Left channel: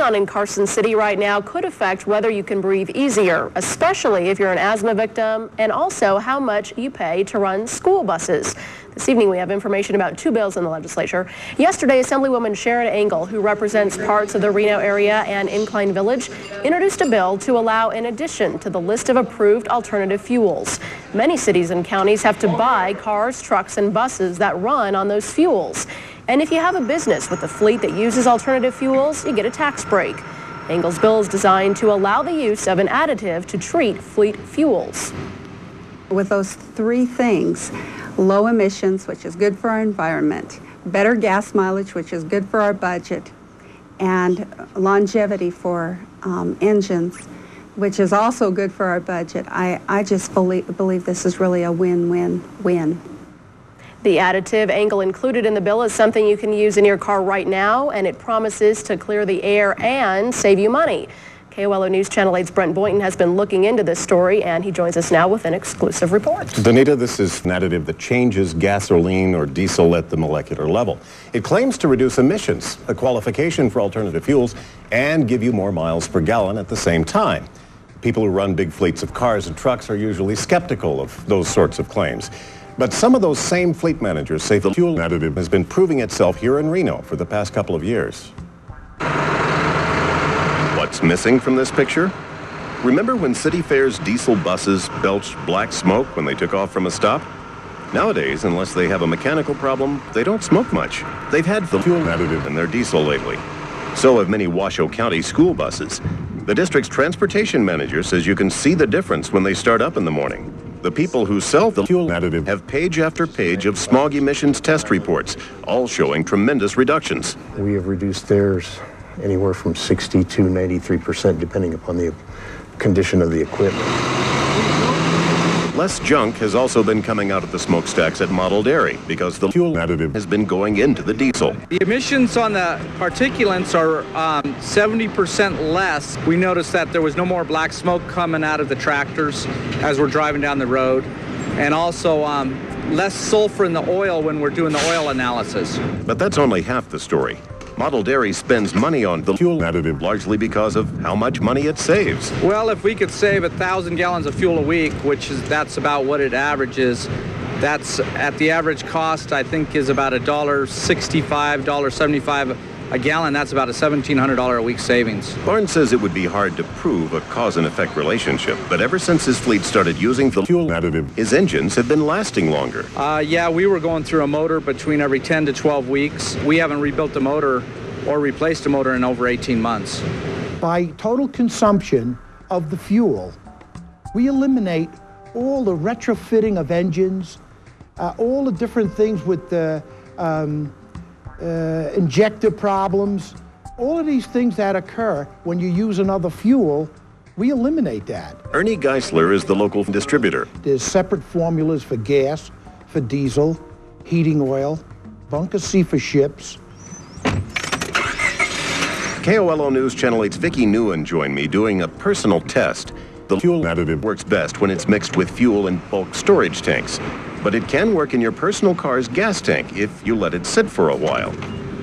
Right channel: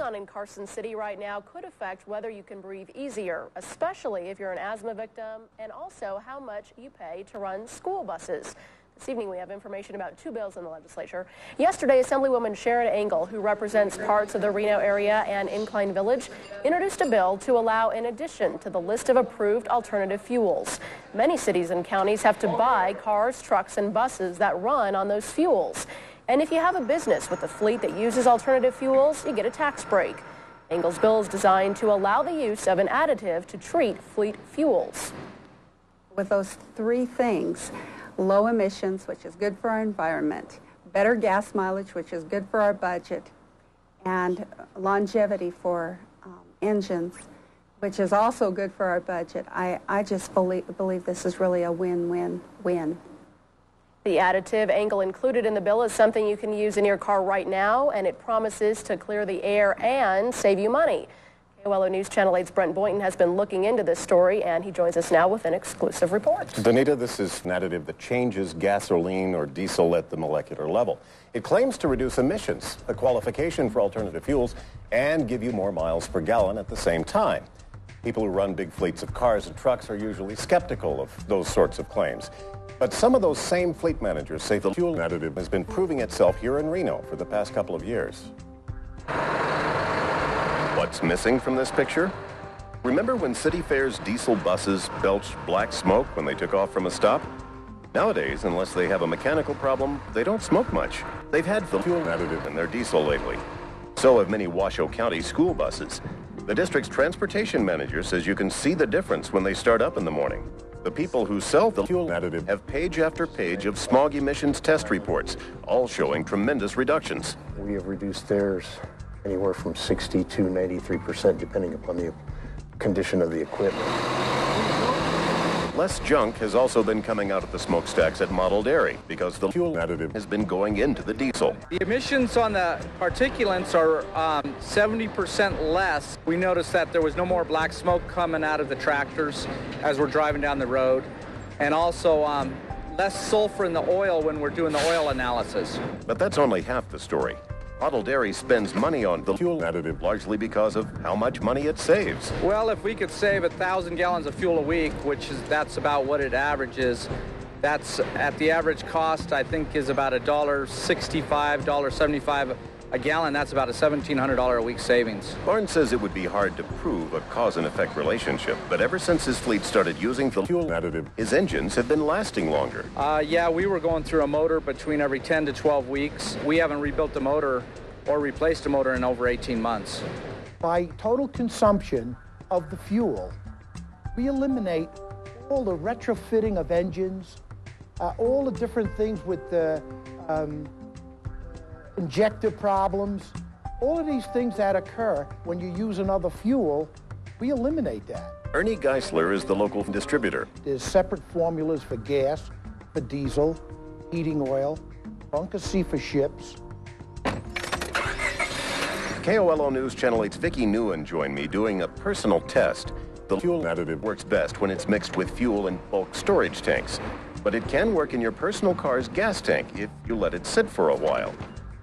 going on in Carson City right now could affect whether you can breathe easier, especially if you're an asthma victim, and also how much you pay to run school buses. This evening, we have information about two bills in the legislature. Yesterday, Assemblywoman Sharon Engel, who represents parts of the Reno area and Incline Village, introduced a bill to allow an addition to the list of approved alternative fuels. Many cities and counties have to buy cars, trucks, and buses that run on those fuels. And if you have a business with a fleet that uses alternative fuels, you get a tax break. Engel's bill is designed to allow the use of an additive to treat fleet fuels. With those three things, low emissions, which is good for our environment, better gas mileage, which is good for our budget, and longevity for engines, which is also good for our budget, I just believe this is really a win-win-win. The additive Engel included in the bill is something you can use in your car right now, and it promises to clear the air and save you money. KOLO News Channel 8's Brent Boynton has been looking into this story, and he joins us now with an exclusive report. Danita, this is an additive that changes gasoline or diesel at the molecular level. It claims to reduce emissions, a qualification for alternative fuels, and give you more miles per gallon at the same time. People who run big fleets of cars and trucks are usually skeptical of those sorts of claims. But some of those same fleet managers say the fuel additive has been proving itself here in Reno for the past couple of years. What's missing from this picture? Remember when City Fair's diesel buses belched black smoke when they took off from a stop? Nowadays, unless they have a mechanical problem, they don't smoke much. They've had the fuel additive in their diesel lately. So have many Washoe County school buses. The district's transportation manager says you can see the difference when they start up in the morning. The people who sell the fuel additive have page after page of smog emissions test reports, all showing tremendous reductions. We have reduced theirs anywhere from 60 to 93%, depending upon the condition of the equipment. Less junk has also been coming out of the smokestacks at Model Dairy because the fuel additive has been going into the diesel. The emissions on the particulates are 70% less. We noticed that there was no more black smoke coming out of the tractors as we're driving down the road, and also less sulfur in the oil when we're doing the oil analysis. But that's only half the story. Model Dairy spends money on the fuel additive largely because of how much money it saves. Well, if we could save 1,000 gallons of fuel a week, that's about what it averages. That's at the average cost, I think, is about $1.65, $1.75 a gallon. That's about a $1,700 a week savings. Barnes says it would be hard to prove a cause and effect relationship, but ever since his fleet started using the fuel additive, his engines have been lasting longer. Yeah, we were going through a motor between every 10 to 12 weeks. We haven't rebuilt the motor or replaced a motor in over 18 months. By total consumption of the fuel, we eliminate all the retrofitting of engines, all the different things with the injector problems, all of these things that occur when you use another fuel, we eliminate that. Ernie Geisler is the local distributor. There's separate formulas for gas, for diesel, heating oil, bunker C for ships. KOLO News Channel 8's Vicki Newen joined me doing a personal test. The fuel additive works best when it's mixed with fuel in bulk storage tanks, but it can work in your personal car's gas tank if you let it sit for a while.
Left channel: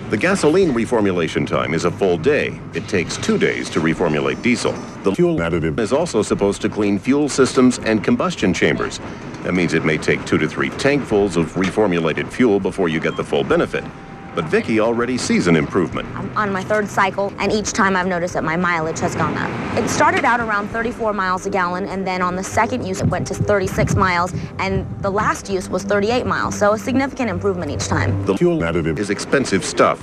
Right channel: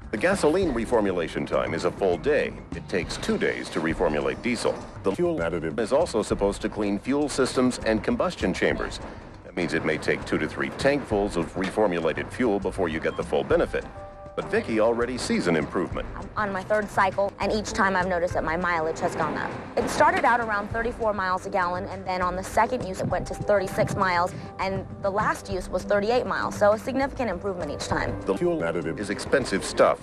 The gasoline reformulation time is a full day. It takes 2 days to reformulate diesel. The fuel additive is also supposed to clean fuel systems and combustion chambers. That means it may take 2 to 3 tankfuls of reformulated fuel before you get the full benefit. But Vicki already sees an improvement. I'm on my third cycle, and each time I've noticed that my mileage has gone up. It started out around 34 miles a gallon, and then on the second use it went to 36 miles, and the last use was 38 miles, so a significant improvement each time. The fuel additive is expensive stuff.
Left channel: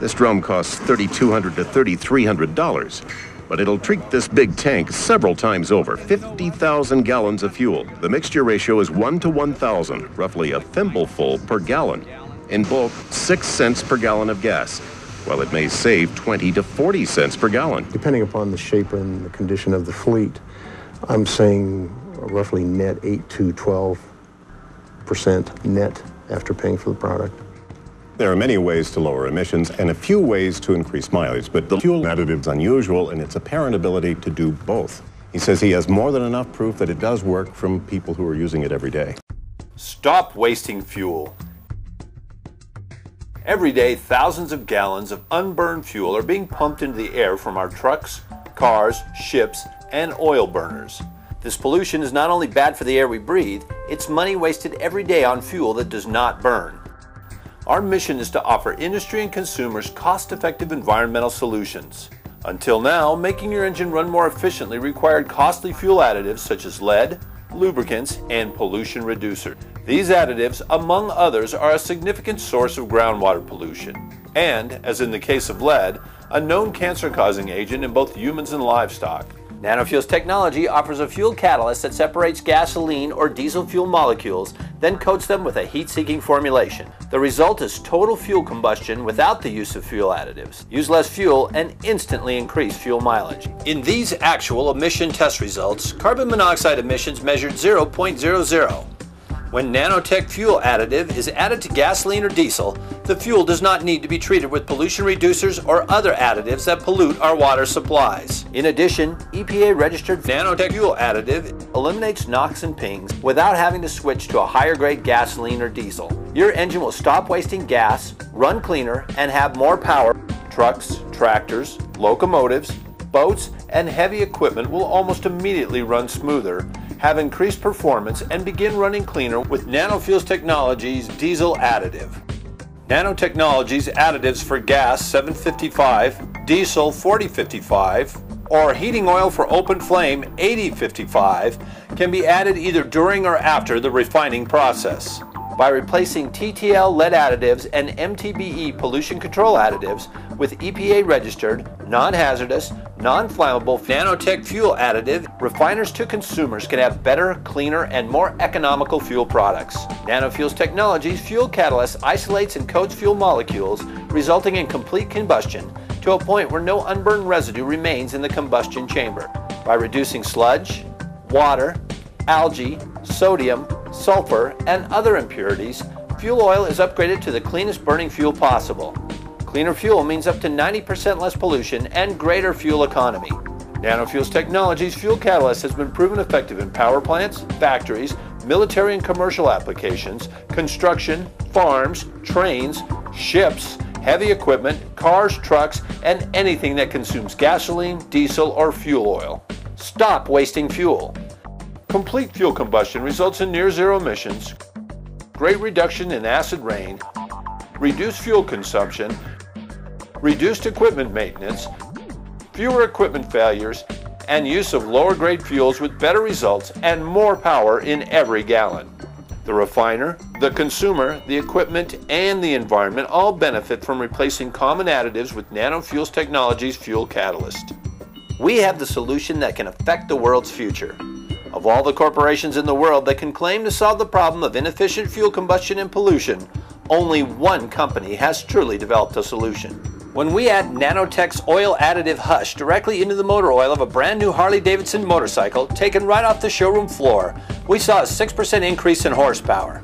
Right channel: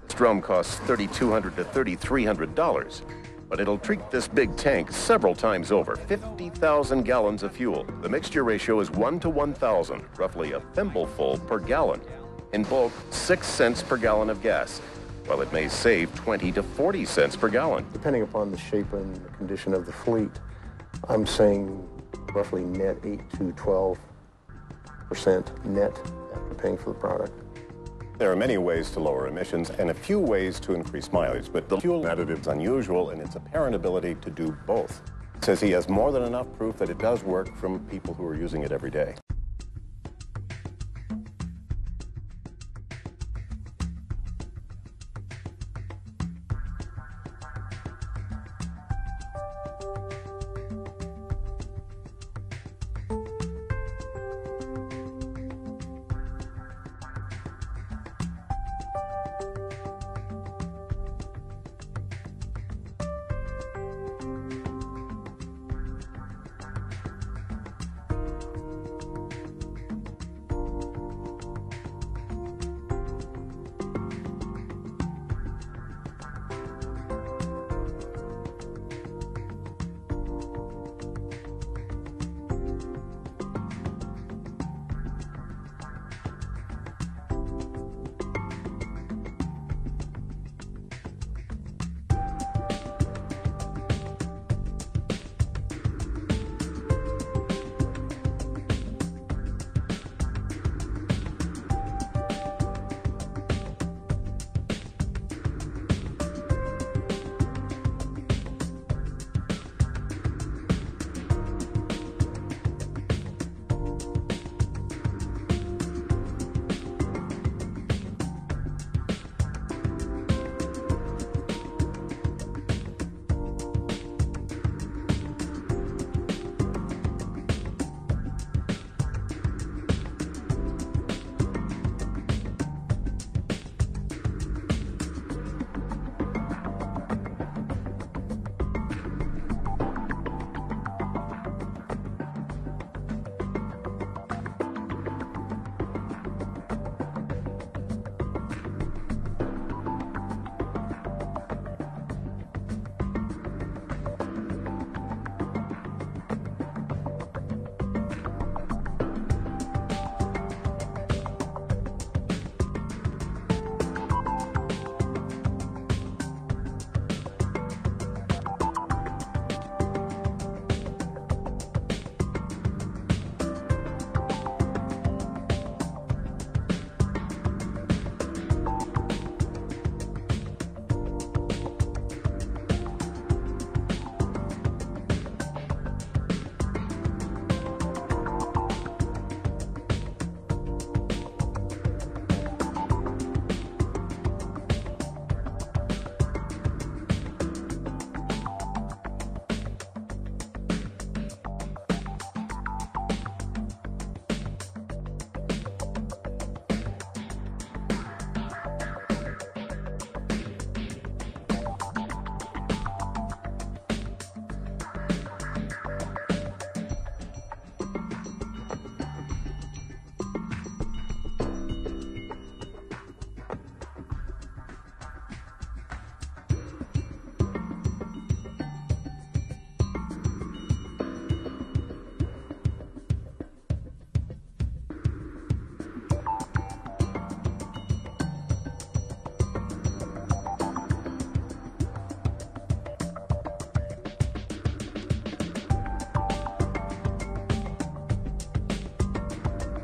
This drum costs $3,200 to $3,300, but it'll treat this big tank several times over, 50,000 gallons of fuel. The mixture ratio is 1 to 1,000, roughly a thimbleful per gallon. In bulk, 6 cents per gallon of gas, while it may save 20 to 40 cents per gallon. Depending upon the shape and the condition of the fleet, I'm saying roughly net 8 to 12% net after paying for the product. There are many ways to lower emissions and a few ways to increase mileage, but the fuel additive is unusual in its apparent ability to do both. He says he has more than enough proof that it does work from people who are using it every day. Stop wasting fuel. Every day, thousands of gallons of unburned fuel are being pumped into the air from our trucks, cars, ships, and oil burners. This pollution is not only bad for the air we breathe, it's money wasted every day on fuel that does not burn. Our mission is to offer industry and consumers cost-effective environmental solutions. Until now, making your engine run more efficiently required costly fuel additives such as lead, lubricants, and pollution reducers. These additives, among others, are a significant source of groundwater pollution and, as in the case of lead, a known cancer-causing agent in both humans and livestock. Nanofuel's technology offers a fuel catalyst that separates gasoline or diesel fuel molecules, then coats them with a heat-seeking formulation. The result is total fuel combustion without the use of fuel additives. Use less fuel and instantly increase fuel mileage. In these actual emission test results, carbon monoxide emissions measured 0.00. When nanotech fuel additive is added to gasoline or diesel, the fuel does not need to be treated with pollution reducers or other additives that pollute our water supplies. In addition, EPA-registered nanotech fuel additive eliminates NOx and pings without having to switch to a higher-grade gasoline or diesel. Your engine will stop wasting gas, run cleaner, and have more power. Trucks, tractors, locomotives, boats, and heavy equipment will almost immediately run smoother, have increased performance, and begin running cleaner with Nanofuels Technologies diesel additive. Nanotechnologies additives for gas 755, diesel 4055, or heating oil for open flame 8055 can be added either during or after the refining process. By replacing TTL lead additives and MTBE pollution control additives with EPA-registered, non-hazardous, non-flammable nanotech fuel additive, refiners to consumers can have better, cleaner, and more economical fuel products. Nanofuels Technologies fuel catalyst isolates and coats fuel molecules, resulting in complete combustion to a point where no unburned residue remains in the combustion chamber. By reducing sludge, water, algae, sodium, sulfur, and other impurities, fuel oil is upgraded to the cleanest burning fuel possible. Cleaner fuel means up to 90% less pollution and greater fuel economy. Nanofuels Technologies fuel catalyst has been proven effective in power plants, factories, military and commercial applications, construction, farms, trains, ships, heavy equipment, cars, trucks, and anything that consumes gasoline, diesel, or fuel oil. Stop wasting fuel. Complete fuel combustion results in near zero emissions, great reduction in acid rain, reduced fuel consumption, reduced equipment maintenance, fewer equipment failures, and use of lower grade fuels with better results and more power in every gallon. The refiner, the consumer, the equipment, and the environment all benefit from replacing common additives with Nanofuels Technologies fuel catalyst. We have the solution that can affect the world's future. Of all the corporations in the world that can claim to solve the problem of inefficient fuel combustion and pollution, only one company has truly developed a solution. When we add Nanotech's oil additive Hush directly into the motor oil of a brand new Harley-Davidson motorcycle taken right off the showroom floor, we saw a 6% increase in horsepower.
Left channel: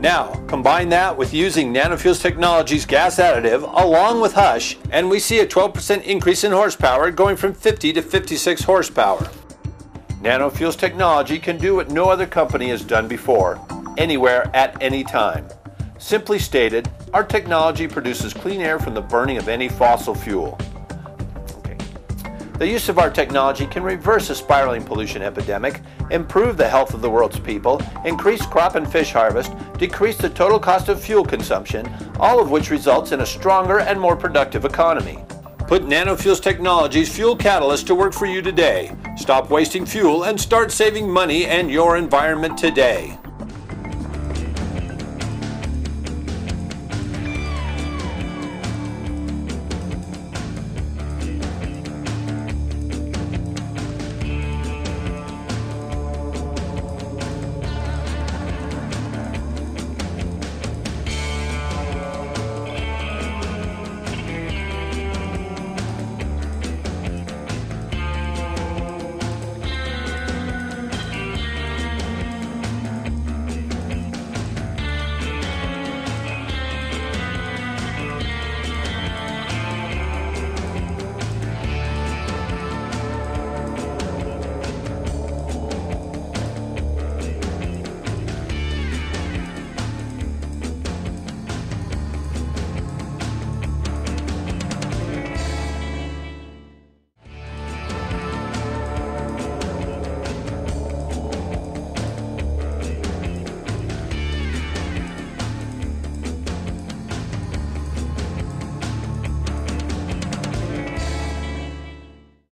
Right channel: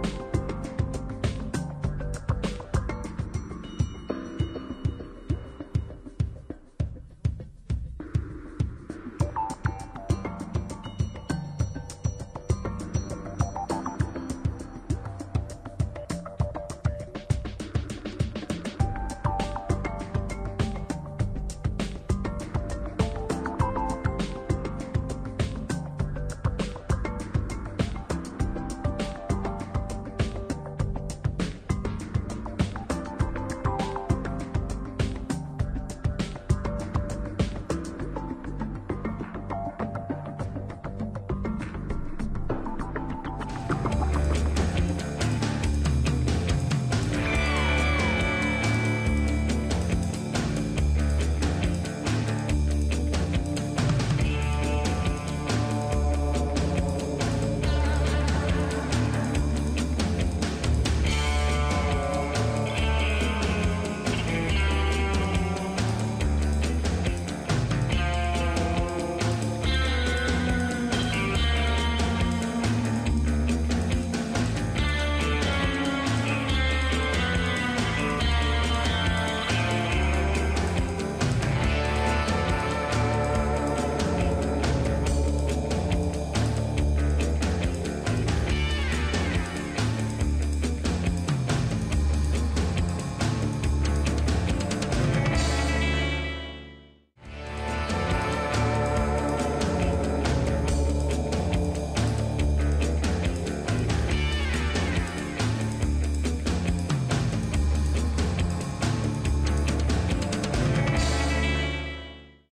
Now, combine that with using Nanofuels Technologies gas additive along with Hush, and we see a 12% increase in horsepower going from 50 to 56 horsepower. Nanofuels Technology can do what no other company has done before, anywhere at any time. Simply stated, our technology produces clean air from the burning of any fossil fuel. The use of our technology can reverse a spiraling pollution epidemic, improve the health of the world's people, increase crop and fish harvest, decrease the total cost of fuel consumption, all of which results in a stronger and more productive economy. Put Nanofuels Technologies fuel catalyst to work for you today. Stop wasting fuel and start saving money and your environment today.